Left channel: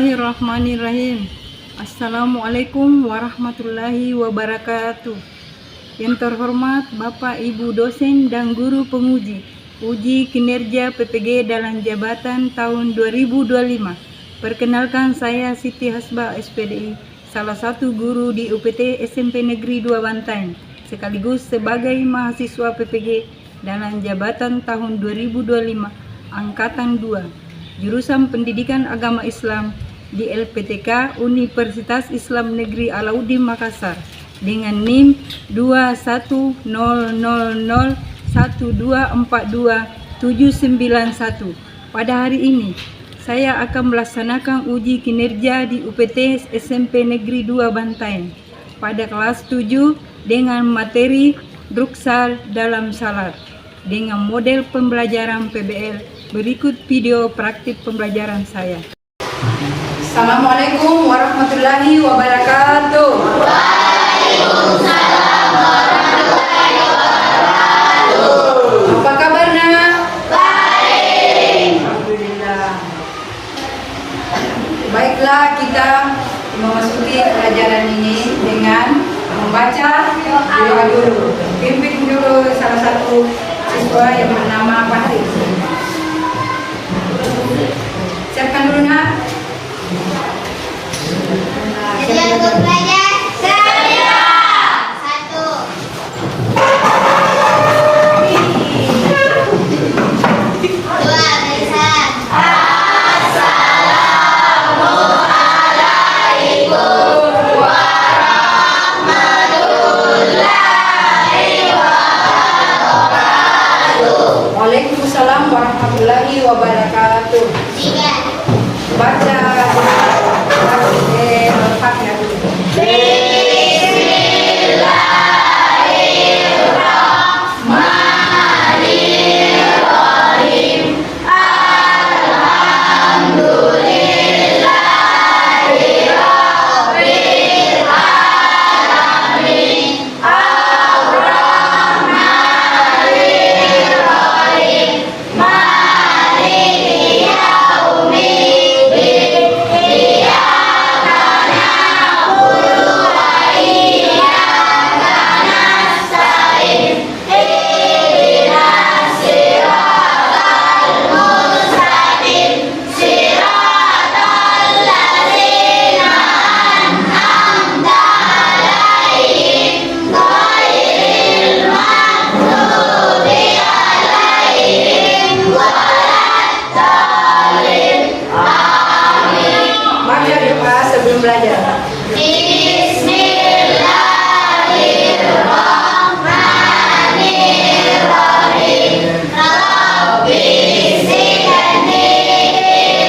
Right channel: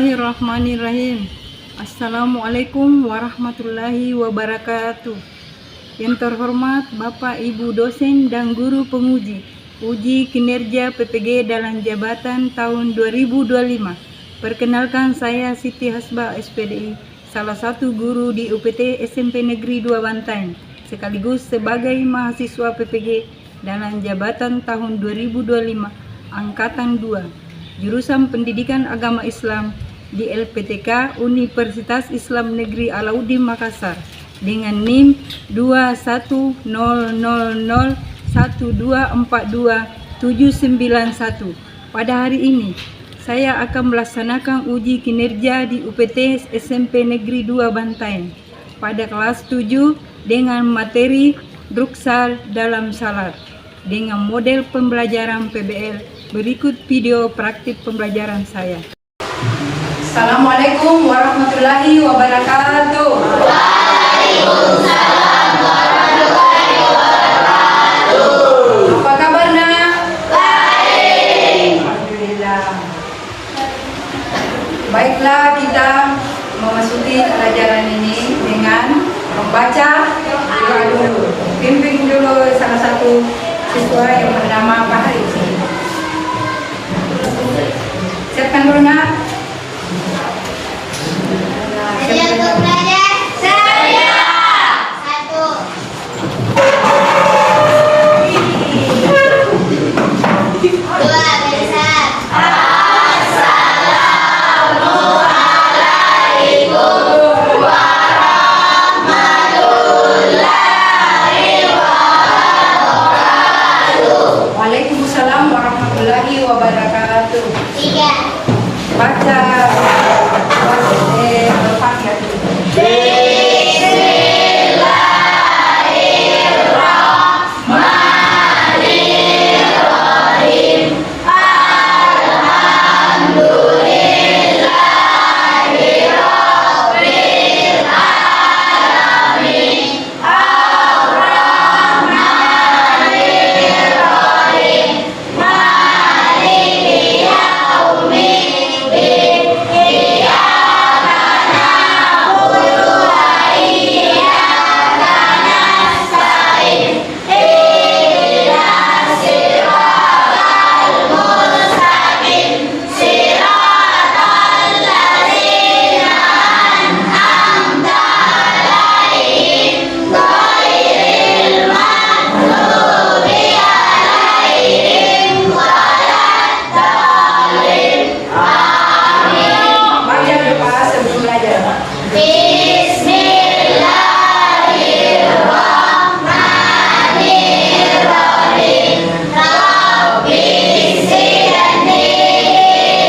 Bismillahirrahmanirrahim. Assalamualaikum warahmatullahi wabarakatuh. Yang terhormat Bapak Ibu dosen dan guru penguji uji kinerja PPG dalam jabatan tahun 2025. Perkenalkan, saya Siti Hasbah SPDI, salah satu guru di UPT SMP Negeri 2 Bantaeng, sekaligus sebagai mahasiswa PPG dalam jabatan tahun 2025 Angkatan 2. Jurusan Pendidikan Agama Islam di LPTK Universitas Islam Negeri Alauddin Makassar dengan NIM 21001242791. Pada hari ini saya akan melaksanakan uji kinerja di UPT SMP Negeri 2 Bantaeng pada kelas 7 dengan materi Druksal dalam Salat dengan model pembelajaran PBL. Berikut video praktik pembelajaran saya. Assalamualaikum warahmatullahi wabarakatuh. Waalaikumsalam warahmatullahi wabarakatuh. Apa kabar nak? Baik. Alhamdulillah. Baiklah, kita memasuki pelajaran ini dengan membaca doa dulu. Pimpin dulu salah satu siswa yang bernama Fahri. Siapkan dulu nak. Ada untuk belajar? Saya. Satu. Dua, besar. Assalamualaikum warahmatullahi wabarakatuh. Waalaikumsalam warahmatullahi wabarakatuh. Tiga. Baca Al-Fatihah dulu. Bismillahirrahmanirrahim. Alhamdulillahirabbil alamin. Ar-Rahmanirrahim. Maliki yaumiddin. Iyyaka na'budu wa iyyaka nasta'in. Ihdinas siratal mustaqim. Siratal ladzina an'amta 'alaihim ghairil maghdubi 'alaihim waladdallin. Amin. Baca doa sebelum belajar. Bismillahirrahmanirrahim. Rabbi zidni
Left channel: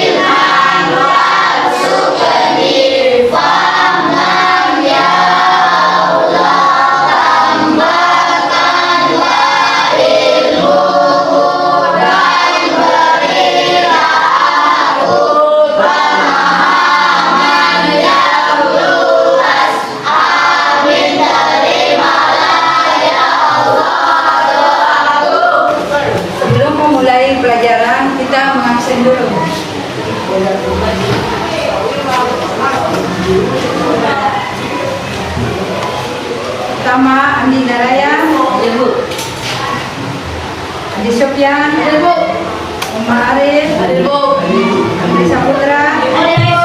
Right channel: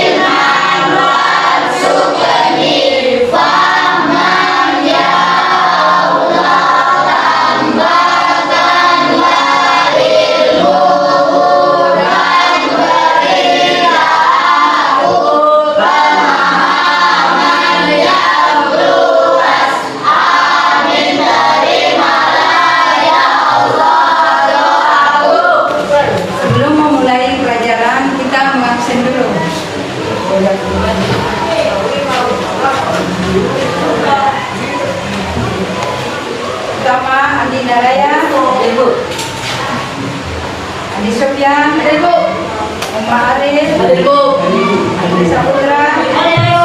ilman warzuqni fahman ya Allah. Tambahkan wa ilmuhu dan berilah aku pemahaman yang luas. Amin. Terimalah ya Allah doaku. Sebelum memulai pelajaran, kita mengabsen dulu. Pertama, Andi Naraya, Ibu. Andi Sofyan, Ibu. Umar Arif, Ibu. Andi Saputra, Ibu.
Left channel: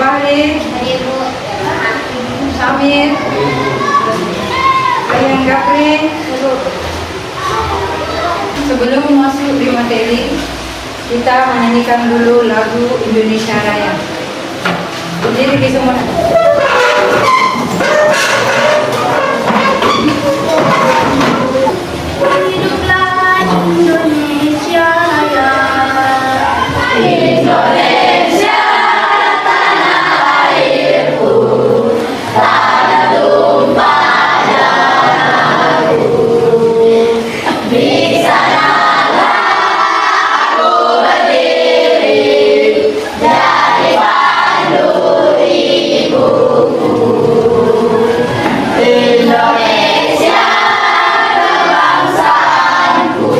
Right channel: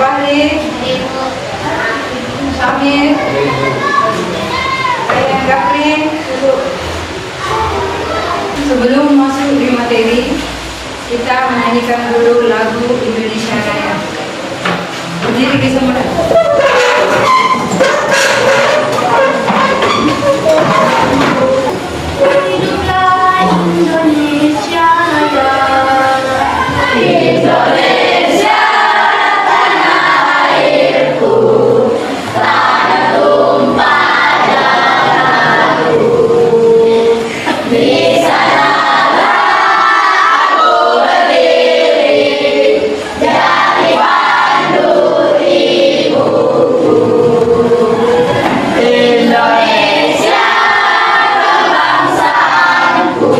Fahri, Samir, Ayang Gapri. Sebelum masuk di materi, kita menyanyikan dulu lagu Indonesia Raya. Berdiri di semua. Hiduplah Indonesia Raya. Indonesia tanah airku, tanah tumpah darahku. Di sanalah aku berdiri dari pandu ibuku. Indonesia berbangsaku,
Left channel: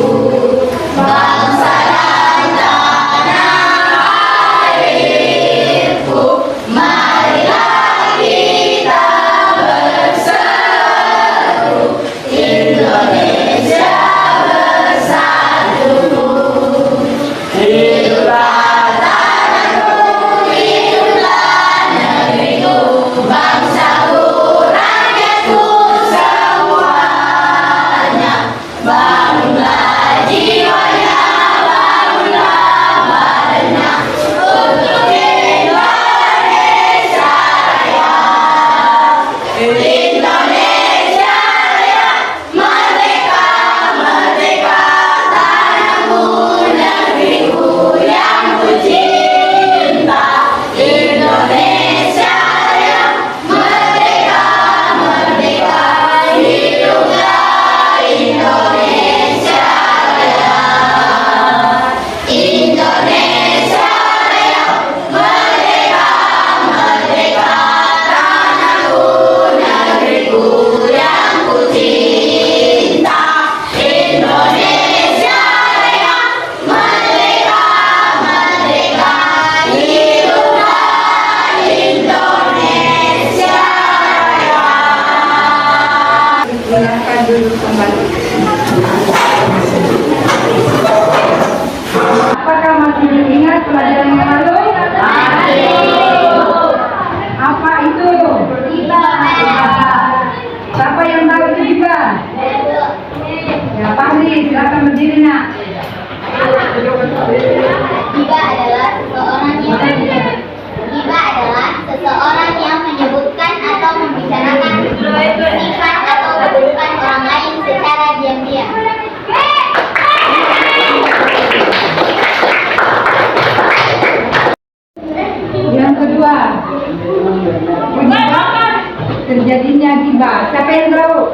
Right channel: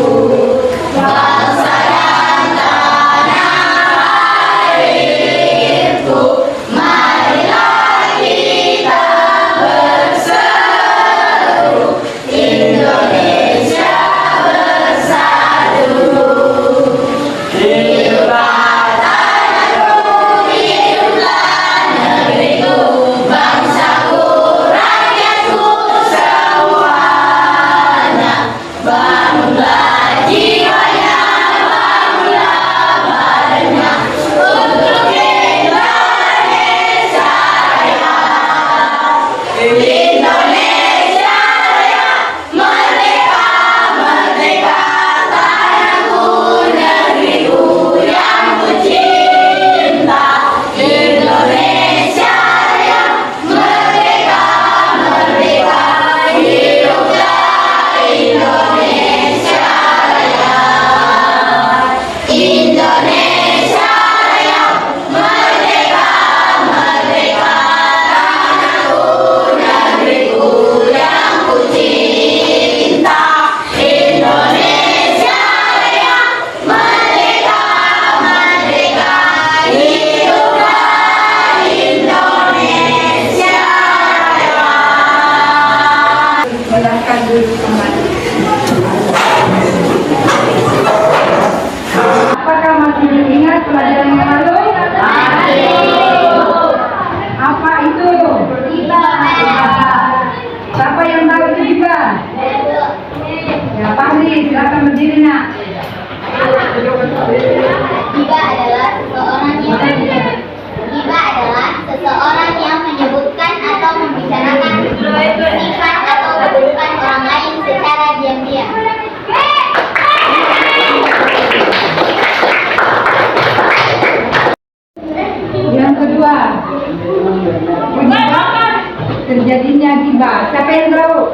terjadinya ghibah. Siapa yang tahu?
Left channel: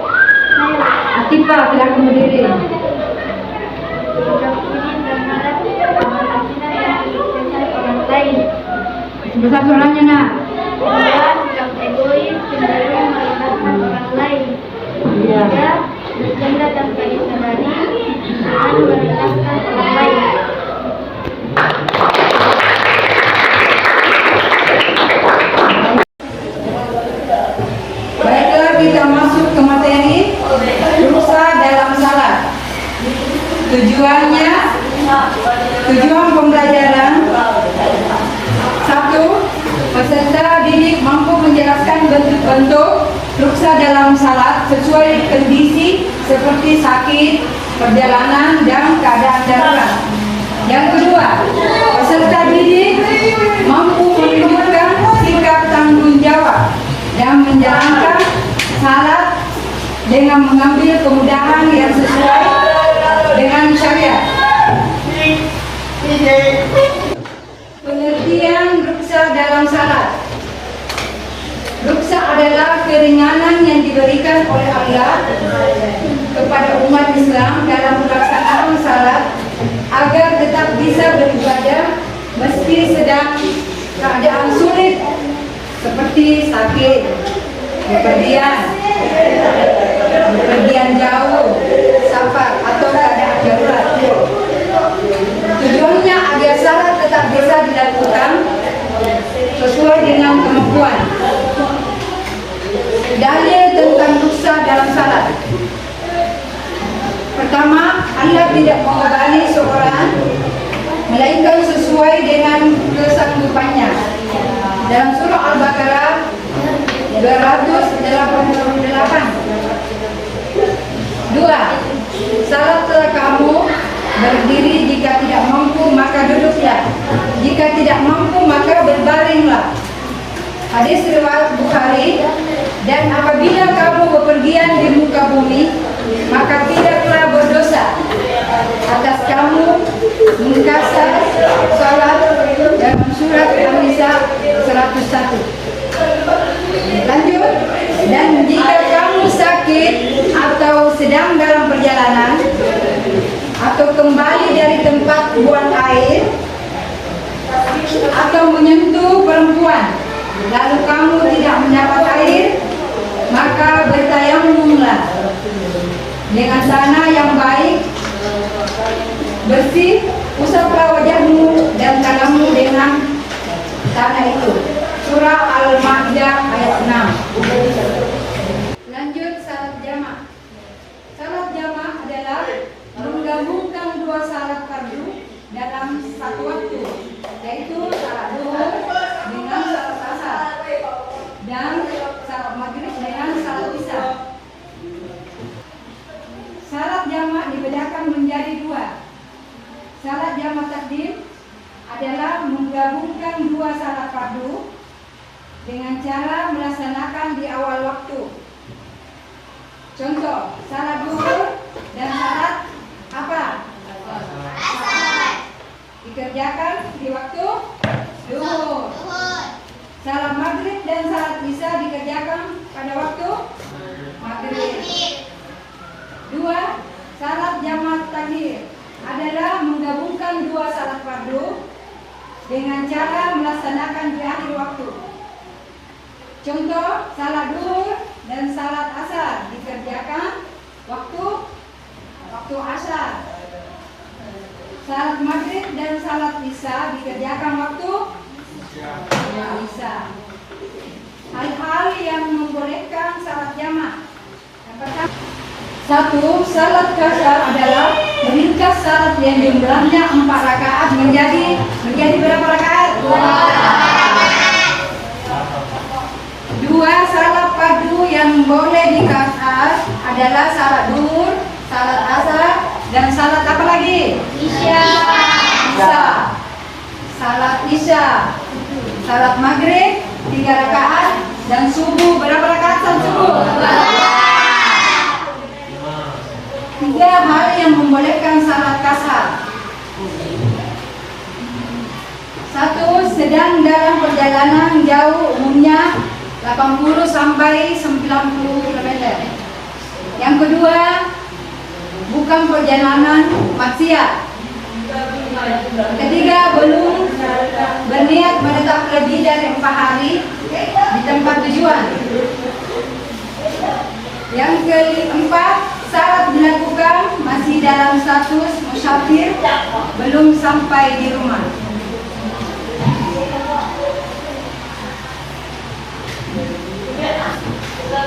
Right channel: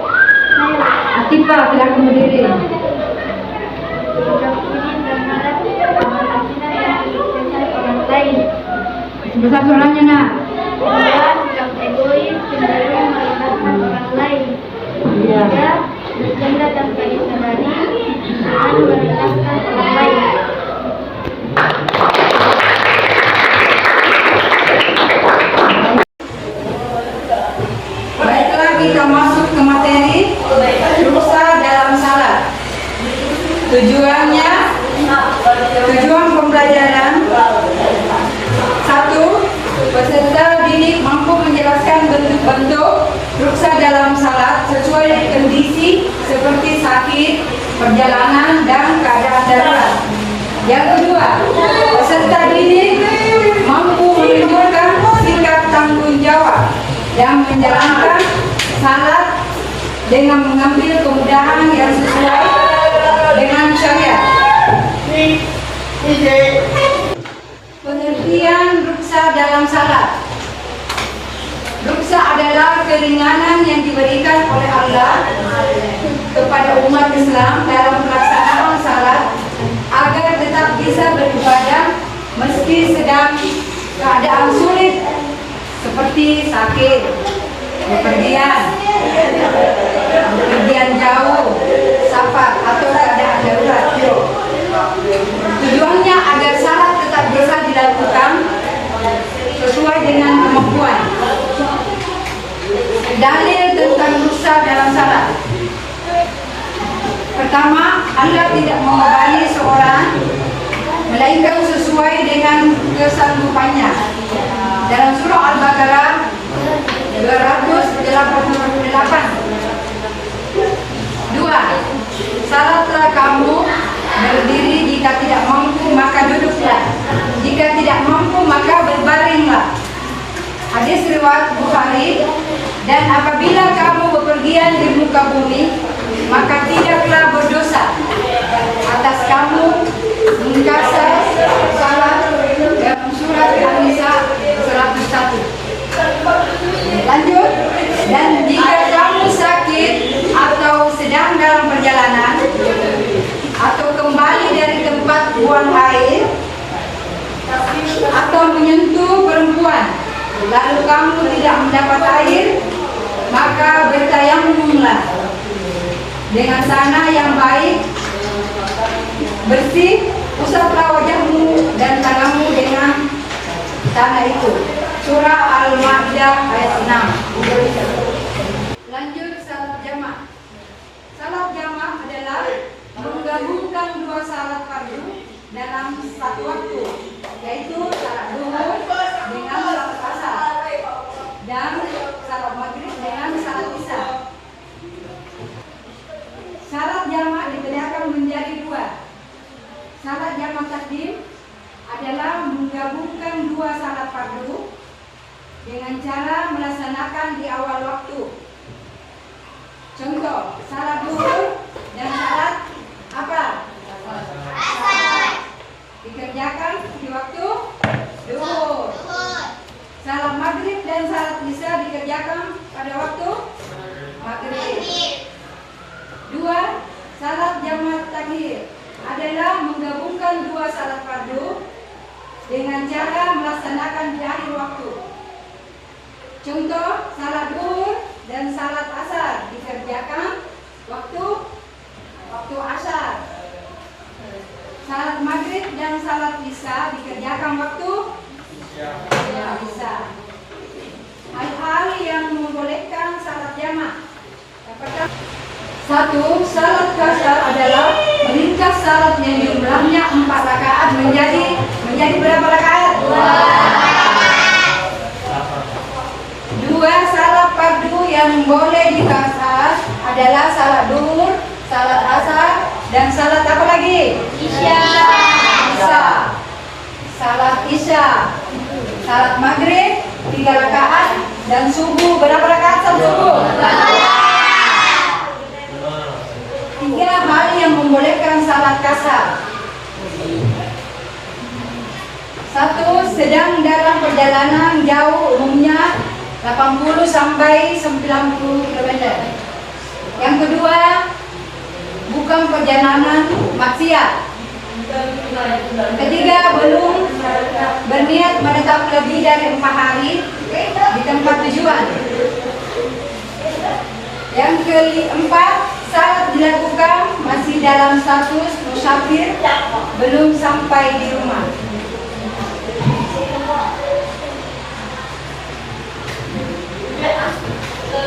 Atifah, silakan berdiri. Sebesar suaranya nak. Sikap egois, cenderung merendahkan orang lain. Iya. Tiga, bercanda tanpa disadari dan merendahkan orang lain. Baiklah, kita masuk ke materi ruksa dalam salat. Tujuan pembelajaran. 1. Peserta didik mampu menjelaskan bentuk-bentuk ruksa dalam salat sesuai kondisi seperti sakit, perjalanan, dan keadaan darurat. Yang kedua, peserta didik mampu menunjukkan sikap tanggung jawab dan menjalankan salat dengan mengambil kemudahan yang sesuai dengan syariat. Pengertian ruksa dalam salat. Ruksa adalah keringanan yang diberikan oleh Allah kepada umat Islam dalam pelaksanaan salat agar tetap bisa beribadah meski sedang keadaan sulit seperti sakit, bepergian jauh, safar atau keadaan darurat. Tujuannya agar salat tetap bisa dilakukan sesuai dengan kemampuan. Dalil tentang ruksa dalam salat. Pertama, Allah tidak membebani seorang melainkan sesuai dengan kesanggupannya. Dalam surah Al-Baqarah 288. 2. Salatlah kamu berdiri, jika tidak mampu maka duduklah, jika tidak mampu maka berbaringlah. Hadis riwayat Bukhari. Dan apabila kamu bepergian di muka bumi, maka tidaklah berdosa atas kamu mengkasar salat dalam surat An-Nisa 101. Lanjut. Dan jika kamu sakit atau sedang dalam perjalanan atau kembali dari tempat buang air atau menyentuh perempuan lalu kamu tidak mendapat air, maka bertayamumlah dengan tanah yang baik, bersih, usaplah wajahmu dan tanganmu dengan tanah itu. Surah Al-Maidah ayat 6. Lanjut, salat jamaah. Salat jamaah adalah menggabungkan dua salat fardu dalam satu waktu, yaitu salat zuhur dengan salat asar dan salat maghrib dengan salat isya. Salat jamaah dibedakan menjadi dua. Salat jamaah takdim adalah menggabungkan dua salat fardu dengan cara melaksanakan di awal waktu. Contoh, salat zuhur dan salat apa? Asar dikerjakan di waktu zuhur. Salat maghrib dan salat isya dikerjakan pada waktu maghrib. 2. Salat jamaah takdim adalah menggabungkan dua salat fardu dengan cara melaksanakan di akhir waktu. Contoh, salat zuhur dan salat asar dikerjakan waktu asar. Salat maghrib dan salat isya dikerjakan waktu isya. Hal-hal yang membolehkan salat jamaah. Apakah? 1. Salat qasar adalah meringkas salat yang jumlahnya 4 rakaat menjadi berapa rakaat? 2. Salat fardu yang boleh dikasar adalah salat zuhur, salat asar, dan salat apa lagi? Isya. Salat isya, salat maghrib 3 rakaat, dan subuh berapa rakaat salat subuh? 3 hal yang membolehkan salat qasar. 1. Sedang dalam perjalanan jauh, umumnya 80 sampai 90 km. Yang kedua, bukan perjalanan maksiat. Ketiga, belum berniat menetap lebih dari 4 hari di tempat tujuan. Yang keempat, saat dilakukan masih dalam status musafir, belum sampai di rumah.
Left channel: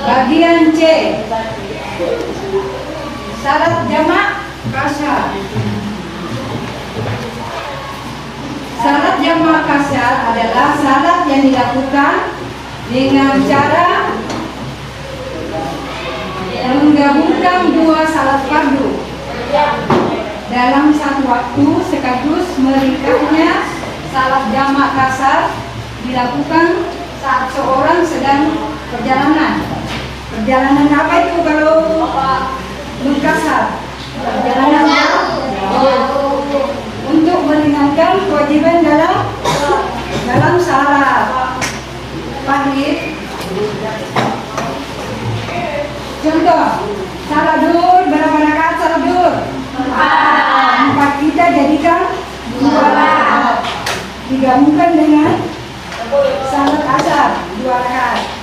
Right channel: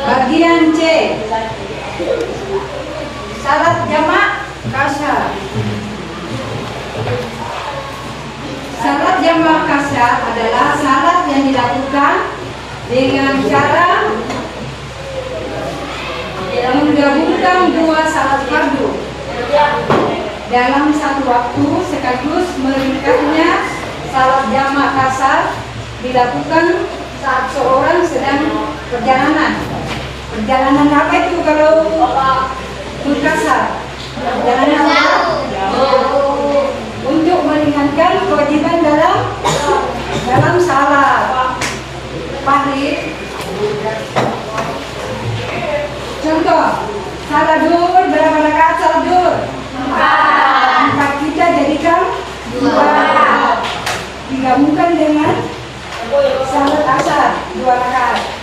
Bagian C, syarat jamak kasar. Syarat jamak kasar adalah syarat yang dilakukan dengan cara menggabungkan dua syarat fardu dalam satu waktu sekaligus. Meringkasnya, syarat jamak kasar dilakukan saat seorang sedang perjalanan. Perjalanan apa itu kalau mukasar? Perjalanan untuk meringankan kewajiban dalam salat maghrib. Contoh, salat duhur, berapa rakaat salat duhur? 4. Kita jadikan 2 rakaat. Digabungkan dengan salat asar 2 rakaat.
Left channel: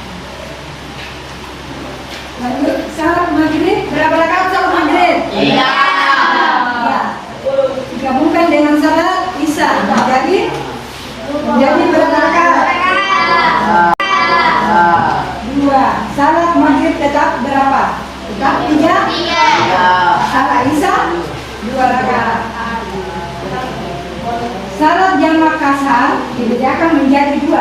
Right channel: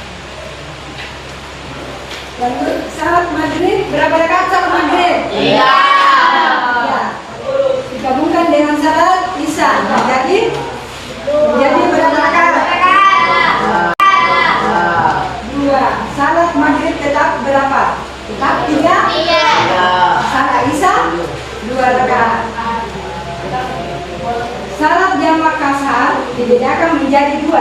Lalu salat maghrib, berapa rakaat salat maghrib? 3. Ya. Digabungkan dengan salat isya menjadi berapa rakaat? 2. Salat maghrib tetap berapa? Tetap 3. Salat isya 2 rakaat. Salat jamak kasar dibedakan menjadi 2. 1.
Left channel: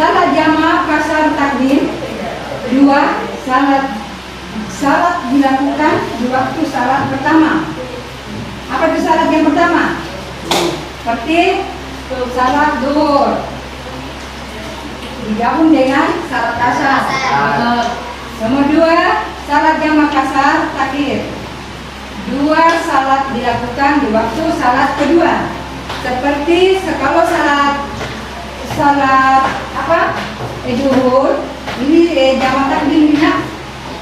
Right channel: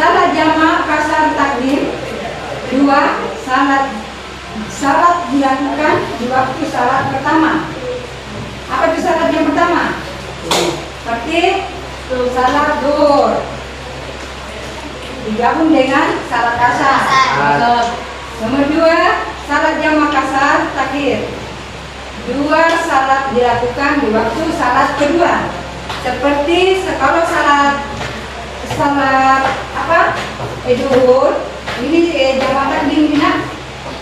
Salat jamak kasar takdim. 2. Salat dilakukan di waktu salat pertama. Apa itu salat yang pertama? Seperti salat duhur digabung dengan salat kasar. Nomor 2, salat jamak kasar takhir. 2 salat dilakukan di waktu salat kedua. Seperti kalau salat duhur ini jamak takdim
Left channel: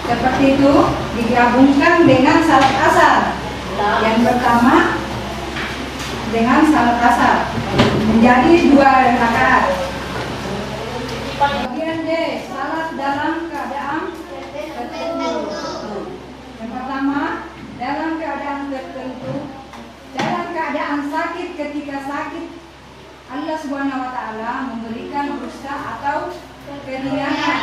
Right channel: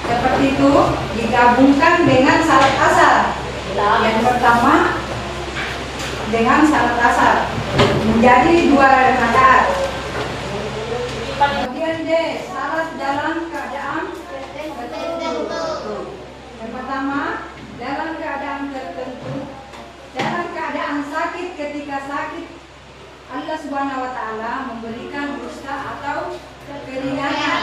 seperti itu digabungkan dengan salat asar. Yang pertama dengan salat asar menjadi 2 rakaat. Bagian D, salat dalam keadaan tertentu. Yang pertama, dalam keadaan tertentu, dalam keadaan sakit. Ketika sakit, Allah Subhanahu wa Ta'ala memberikan rukhsah atau keringanan.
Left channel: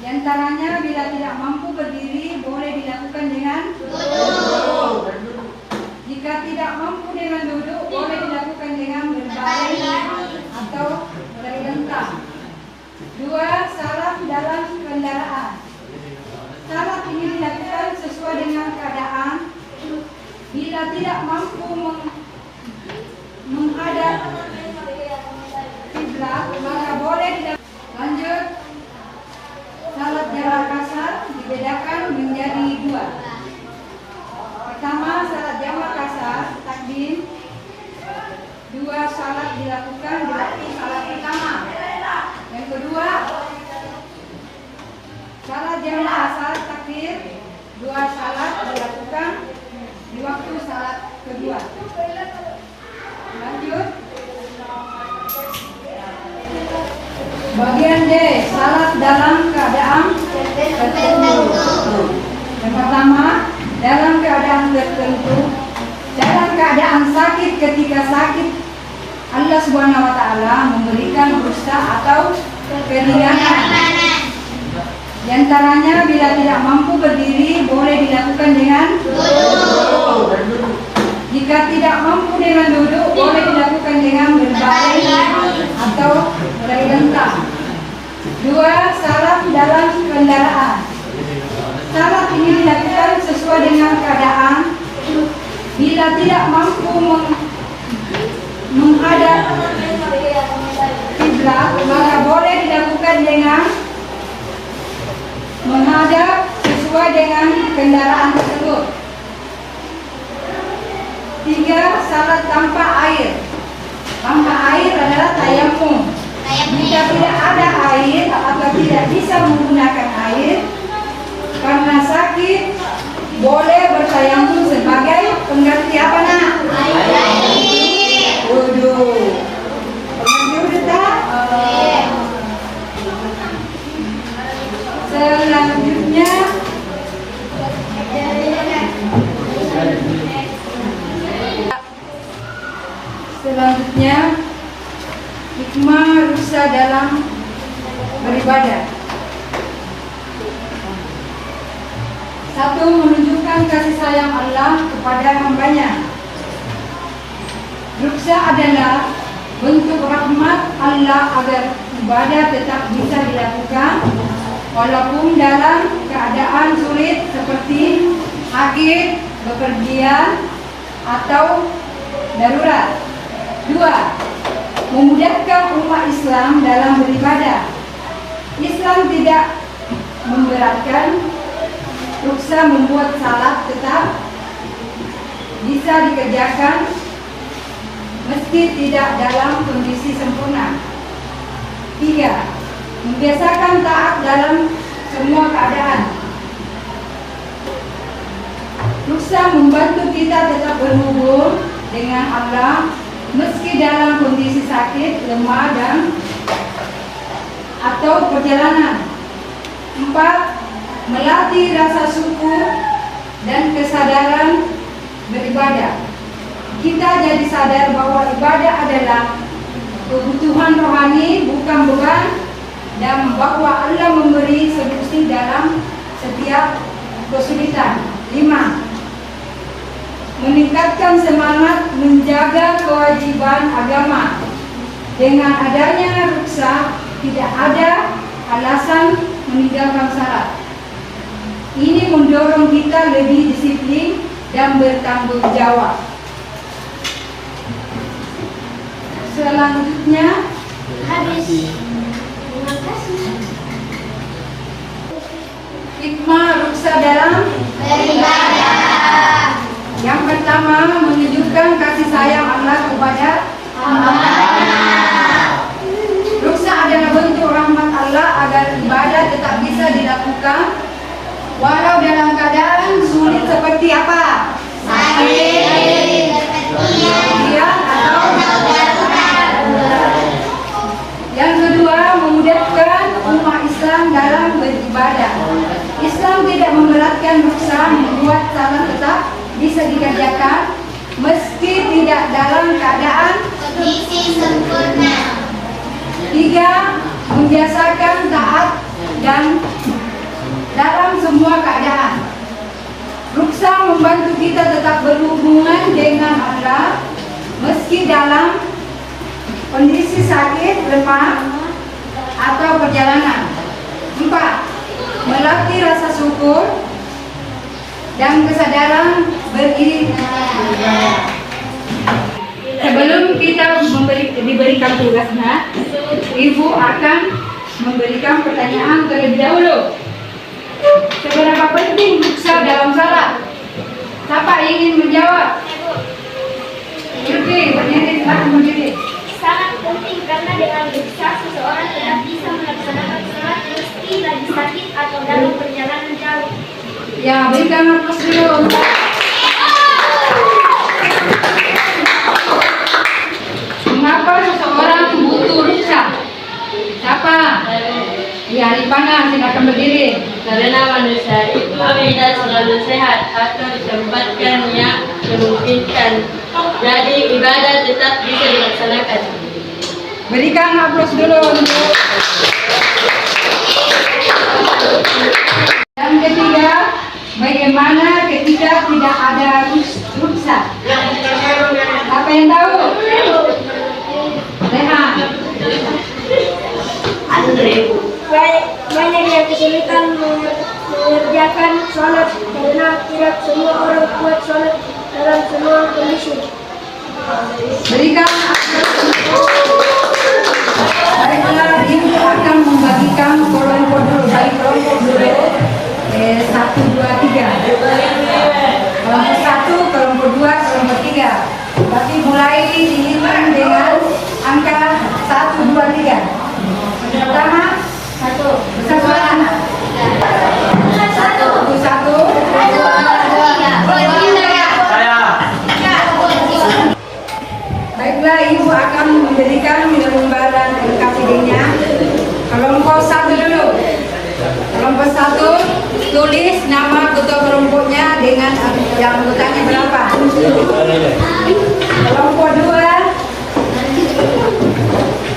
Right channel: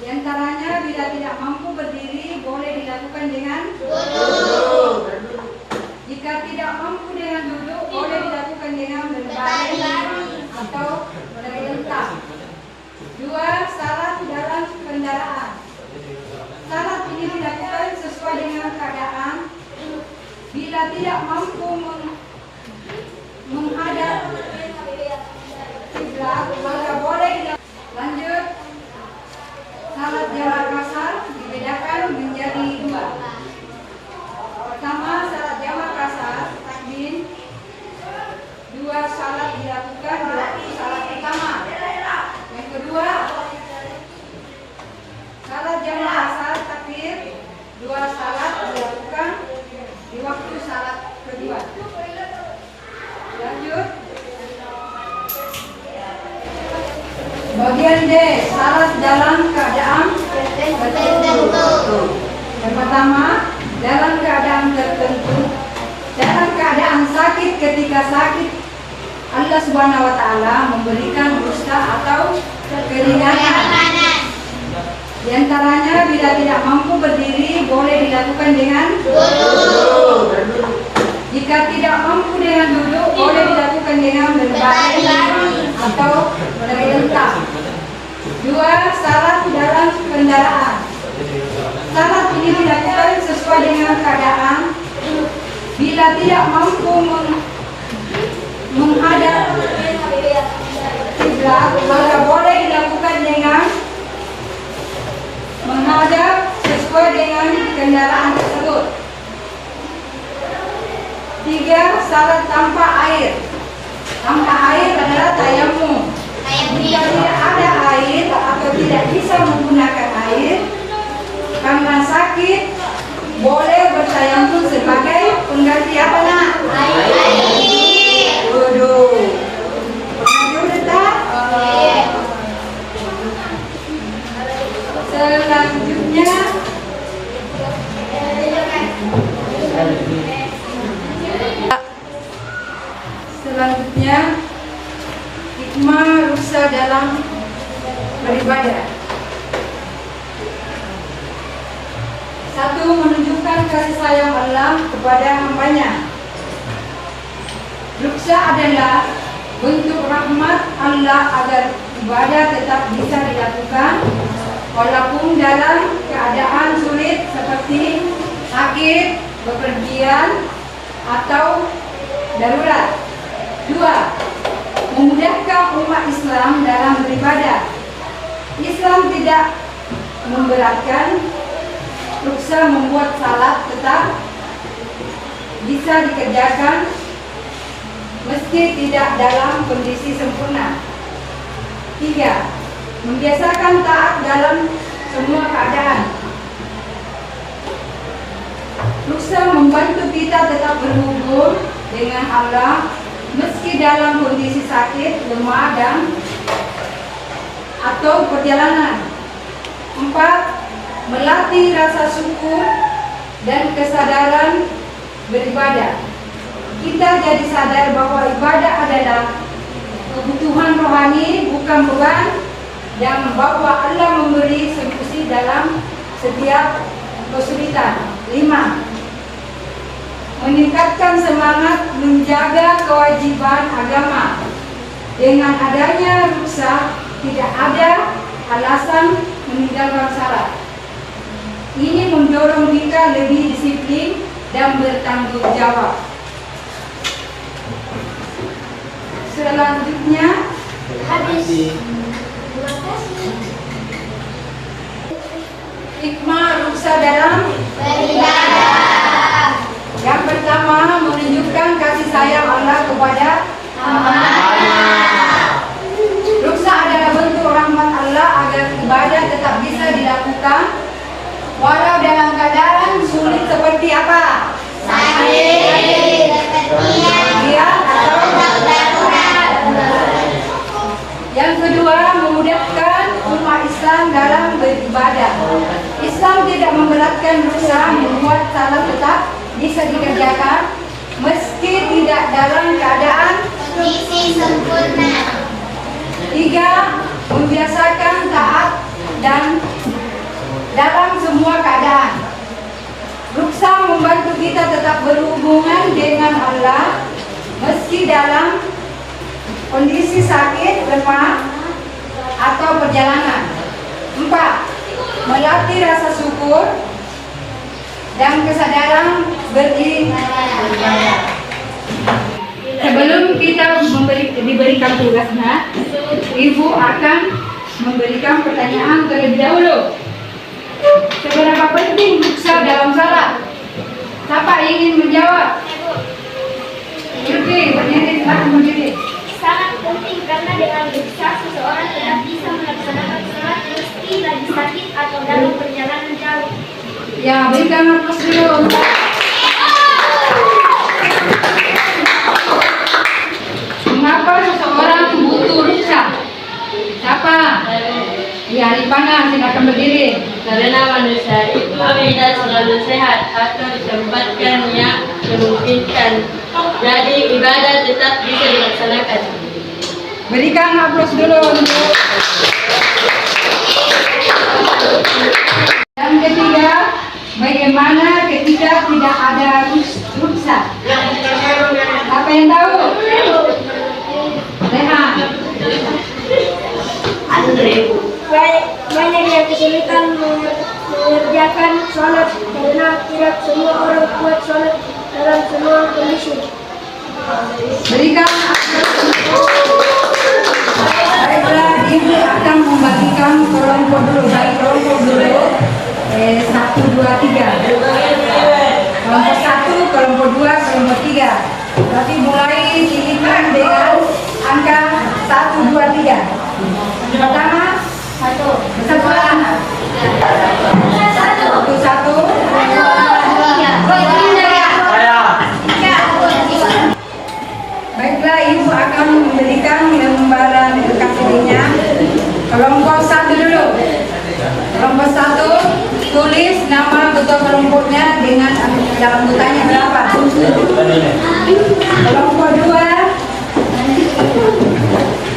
Di antaranya, bila tidak mampu berdiri, boleh dilakukan dengan duduk. Jika tidak mampu dengan duduk, boleh dilakukan dengan berbaring atau berlentang. 2. Salat dalam kendaraan. Salat ini dilakukan sesuai dengan keadaan. Bila tidak mampu menghadap kiblat, maka boleh dilakukan. Lanjut, salat jamak kasar dibedakan menjadi 2. Pertama, salat jamak kasar takdim. 2 salat dilakukan di waktu salat pertama. Yang kedua, salat jamak kasar takhir. 2 salat dilakukan di waktu salat kedua. Lanjut, bagian D, salat dalam keadaan tertentu. Yang pertama, dalam keadaan tertentu, dalam keadaan sakit. Ketika sakit, Allah Subhanahu wa Ta'ala memberikan rukhsah atau keringanan. Di antaranya, bila tidak mampu berdiri, boleh dilakukan dengan duduk. Jika tidak mampu dengan duduk, boleh dilakukan dengan berbaring atau berlentang. 2. Salat dalam kendaraan. Salat ini dilakukan sesuai dengan keadaan. Bila tidak mampu menghadap kiblat, maka boleh dilakukan dengan menghadap sesuai dengan kendaraan tersebut. 3. Salat tanpa air. Tanpa air adalah tayamum. Jika tidak ada air atau tidak bisa menggunakan air karena sakit, boleh bertayamum sebagai pengganti apa nak? Wudu. Pengganti wudu tak? Selanjutnya hikmah ruksa dalam beribadah. 1. Menunjukkan kasih sayang Allah kepada hambanya. Ruksa adalah bentuk rahmat Allah agar ibadah tetap bisa dilakukan walaupun dalam keadaan sulit seperti sakit, bepergian, atau darurat. 2. Memudahkan umat Islam dalam beribadah. Islam tidak memberatkan. Ruksa membuat salat tetap bisa dikerjakan meski tidak dalam kondisi sempurna. 3. Membiasakan taat dalam semua keadaan. Ruksa membantu kita tetap berhubung dengan Allah meski dalam kondisi sakit, lemah, dan atau perjalanan. 4. Melatih rasa syukur dan kesadaran beribadah. Kita jadi sadar bahwa ibadah adalah kebutuhan rohani, bukan beban, dan bahwa Allah memberi solusi dalam setiap kesulitan. 5. Meningkatkan semangat menjaga kewajiban agama. Dengan adanya ruksa, tidak ada alasan meninggalkan salat. Ini mendorong kita lebih disiplin dan bertanggung jawab. Selanjutnya, hikmah ruksa dalam beribadah. Yang pertama, menunjukkan kasih sayang Allah kepada hamba-Nya. Ruksa adalah bentuk rahmat Allah agar ibadah tetap bisa dilakukan walau dalam keadaan sulit seperti apa? Sakit, kepergian, atau darurat. Yang kedua, memudahkan umat Islam dalam beribadah. Islam tidak memberatkan ruksa, membuat salat tetap bisa dikerjakan meski tidak dalam keadaan Kondisi sempurna. 3. Membiasakan taat dan dalam semua keadaan. Ruksa membantu kita tetap berhubungan dengan Allah meski dalam kondisi sakit, lemah, atau perjalanan. 4. Melatih rasa syukur dan kesadaran beribadah. Sebelum kita diberikan tugasnya, Ibu akan memberikan pertanyaan terlebih dahulu. Seberapa penting ruksa dalam salat? Siapa ingin menjawab? Oke, berdiri, silakan berdiri. Sangat penting karena dengan ruksa seseorang tetap bisa melaksanakan salat meski lagi sakit atau dalam perjalanan jauh. Ya, berikan aplaus dulu. Mengapa seseorang butuh ruksa? Siapa? Ya, Ripana, silakan berdiri. Karena manusia itu tidak selalu sehat atau ditempatkan yang memungkinkan. Jadi ibadah tetap bisa dilaksanakan. Berikan aplaus dulu untuk. Yang ketiga, bagaimana ketika tidak ada ruksa? Apa yang tahu? Rehan. Banyak yang kesulitan mengerjakan sholat karena tidak semua orang kuat sholat dalam semua kondisi. Berikan aplaus. Baiklah, Ibu akan membagikan kelompok dulu. Baik, kelompok dulu. 1, 2, 3. Kelompok 1, kelompok 2, kelompok 3. Tapi mulai dilihat dengan Kelompok 2,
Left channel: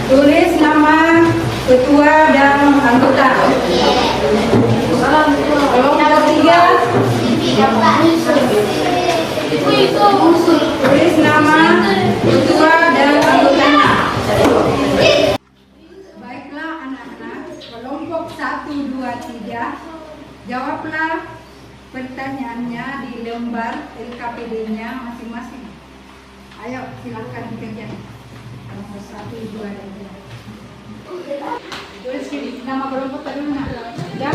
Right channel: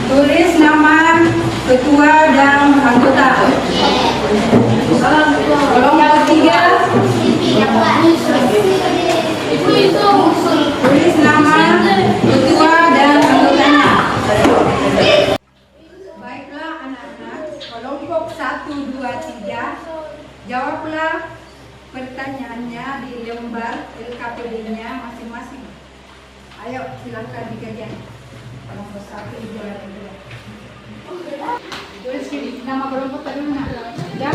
tulis nama ketua dan anggota. Kelompok 3, tulis nama ketua dan anggotanya. Baiklah anak-anak, kelompok 1, 2, 3, jawablah pertanyaannya di lembar LKPD-nya masing-masing. Ayo silahkan dikerjakan. Kelompok 1, 2, 3. Tulis sini nama kelompok tadi mana? Ya.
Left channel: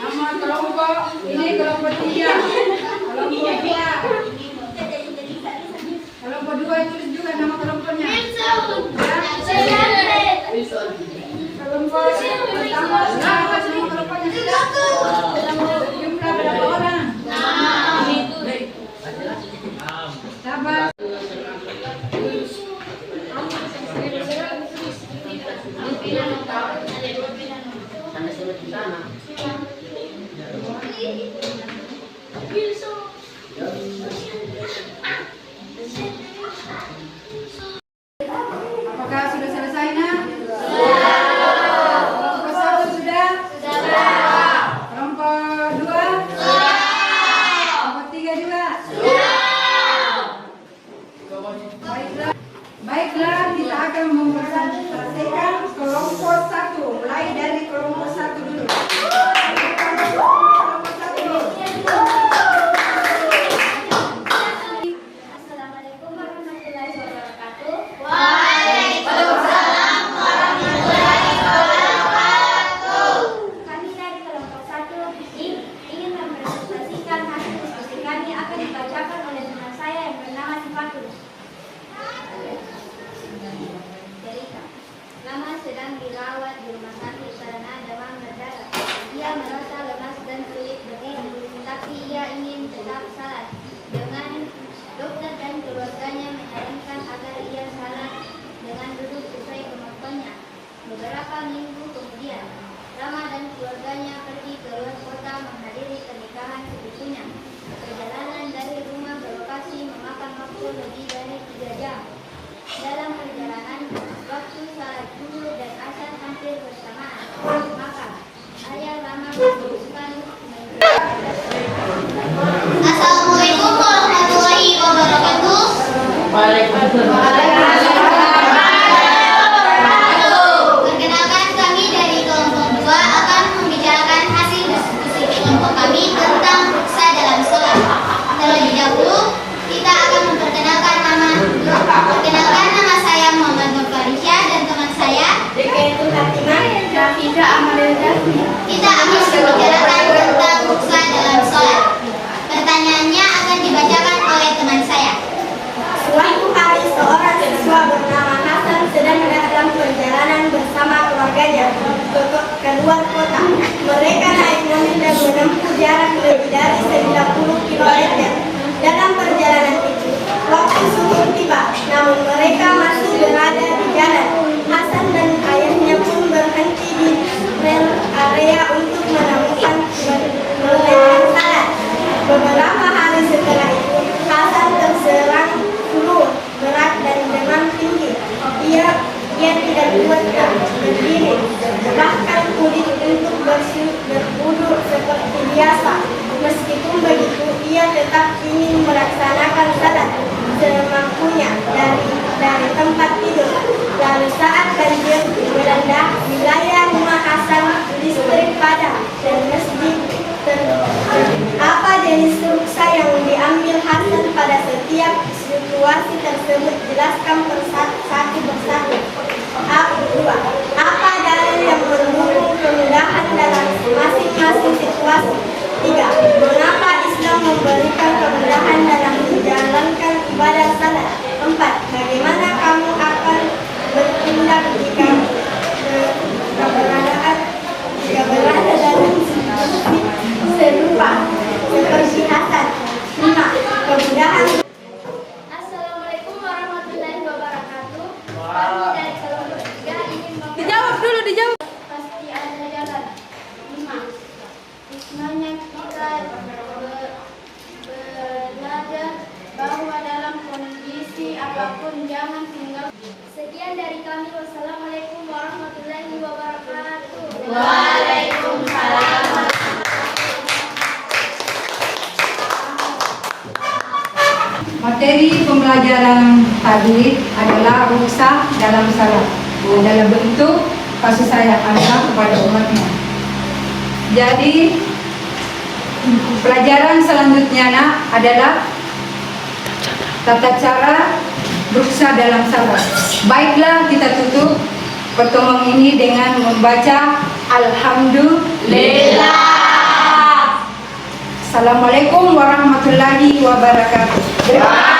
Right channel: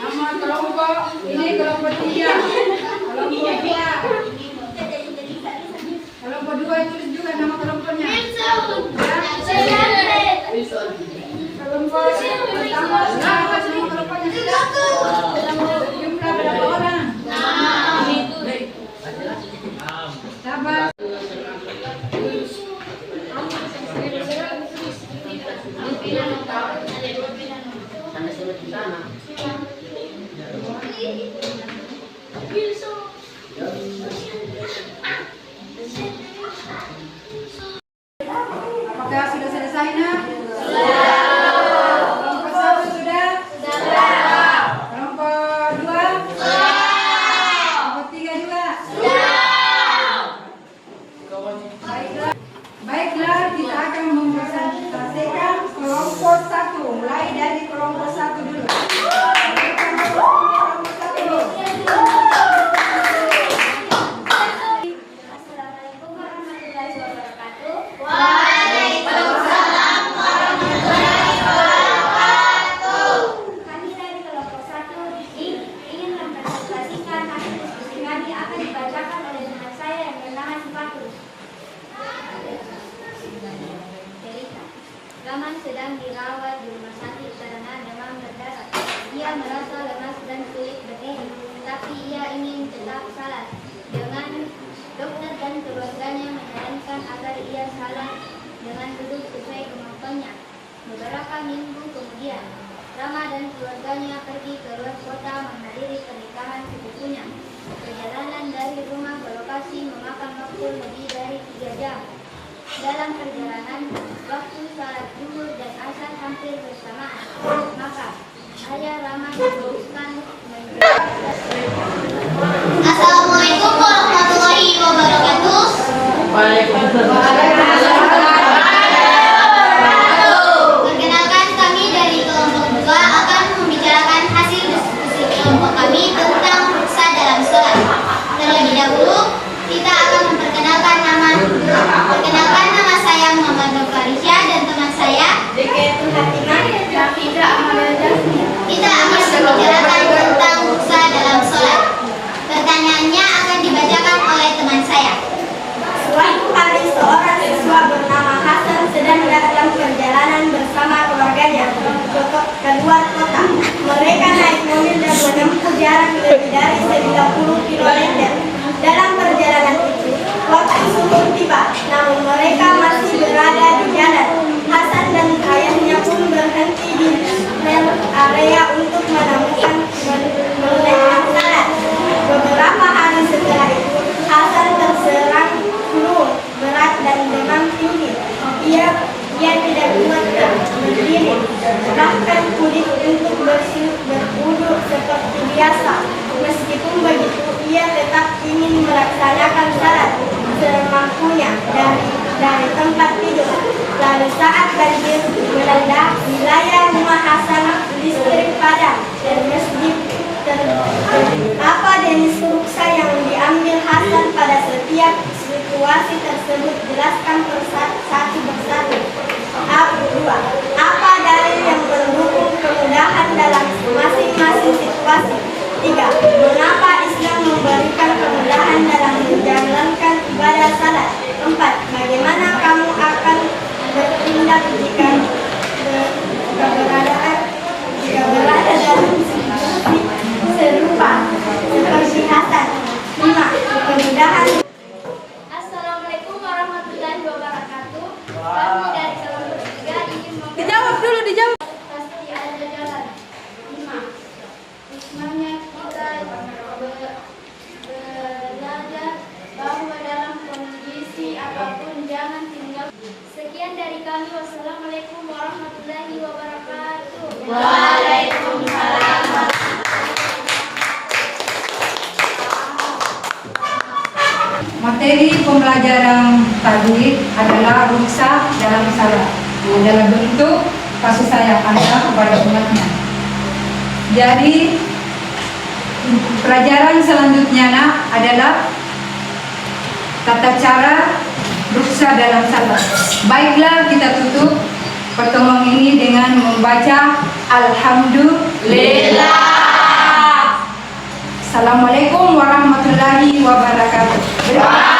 Nama kelompok ini kelompok 3. Kelompok 2. Kelompok 2 tulis juga nama kelompoknya. Ya. Kelompok pertama nama kelompoknya sudah. Jumlah berapa orang? 6. Sabar. Apakah sudah selesai, Nak? Kelompok 1 sudah? Kelompok 2? Kelompok 3 juga? Baiklah, kita akan mempresentasikan kelompok 1. Mulai dari kelompok 1 dulu. Kelompok 1 dulu. Assalamualaikum warahmatullahi wabarakatuh. Kami dari kelompok 1 ingin mempresentasikan hasil diskusi kami akan dibacakan oleh teman saya yang bernama Sifatul. Cerita. Lama sedang dirawat di rumah sakit karena demam berdarah. Ia merasa lemas dan sulit berdiri, tapi ia ingin tetap salat. Dengan dokter dan keluarganya menyarankan agar ia salat dengan duduk sesuai kemampuannya. Beberapa minggu kemudian, Rama dan keluarganya pergi ke luar kota menghadiri pernikahan sepupunya. Perjalanan dari rumah ke lokasi memakan waktu lebih dari 3 jam. Dalam perjalanan, waktu salat zuhur dan asar hampir bersamaan. Maka, ayah Rama memutuskan menjalankan. Assalamualaikum warahmatullahi wabarakatuh. Perkenalkan, kami dari kelompok 2 akan membicarakan hasil diskusi kelompok kami tentang ruksa dalam sholat. Terlebih dahulu, kita akan memperkenalkan nama. Perkenalkan, nama saya Muhammad Nur Farisya dan teman saya Kita akan membicarakan tentang ruksa dalam sholat. Pertanyaannya akan dibacakan oleh teman saya. Suatu hari seorang siswa bernama Hasan sedang dalam perjalanan bersama keluarganya ke luar kota. Mereka naik mobil dan menempuh jarak lebih dari 90 km. Dalam perjalanan itu, waktu zuhur tiba, namun mereka masih berada di jalan. Hasan dan ayahnya pun berhenti di rel area untuk menemukan menunaikan salat. Beberapa hari setelah itu, Hasan terserang flu berat dan demam tinggi. Ia tidak kuat berdiri, bahkan kulit untuk berwudu seperti biasa. Meskipun begitu, ia tetap ingin melaksanakan salat semampunya dari tempat tidur. Lalu saat banjir melanda wilayah rumah Hasan, listrik padam dan masjid apa jenis ruksa yang diambil Hasan pada setiap situasi tersebut? Jelaskan satu persatu. Dua. Apa dalil yang mendukung kemudahan dalam masing-masing situasi? 3. Mengapa Islam memberikan kemudahan dalam menjalankan ibadah salat? 4. Bagaimana kamu akan bertindak jika berada dalam situasi serupa seperti Hasan? 5. Kemudahan. Assalamualaikum warahmatullahi wabarakatuh. apapun jangan tinggal. Sekian dari kami. Wassalamualaikum warahmatullahi wabarakatuh. Waalaikumsalam. Materi pembelajaran tadi adalah rukhsah dalam salat dalam bentuk kasih sayang Allah kepada umatnya. Jadi pelajaran selanjutnya adalah tata cara rukhsah dalam salat. Baiklah, kita tutup pertemuan ini dengan membaca Alhamdulillah. Assalamualaikum warahmatullahi wabarakatuh.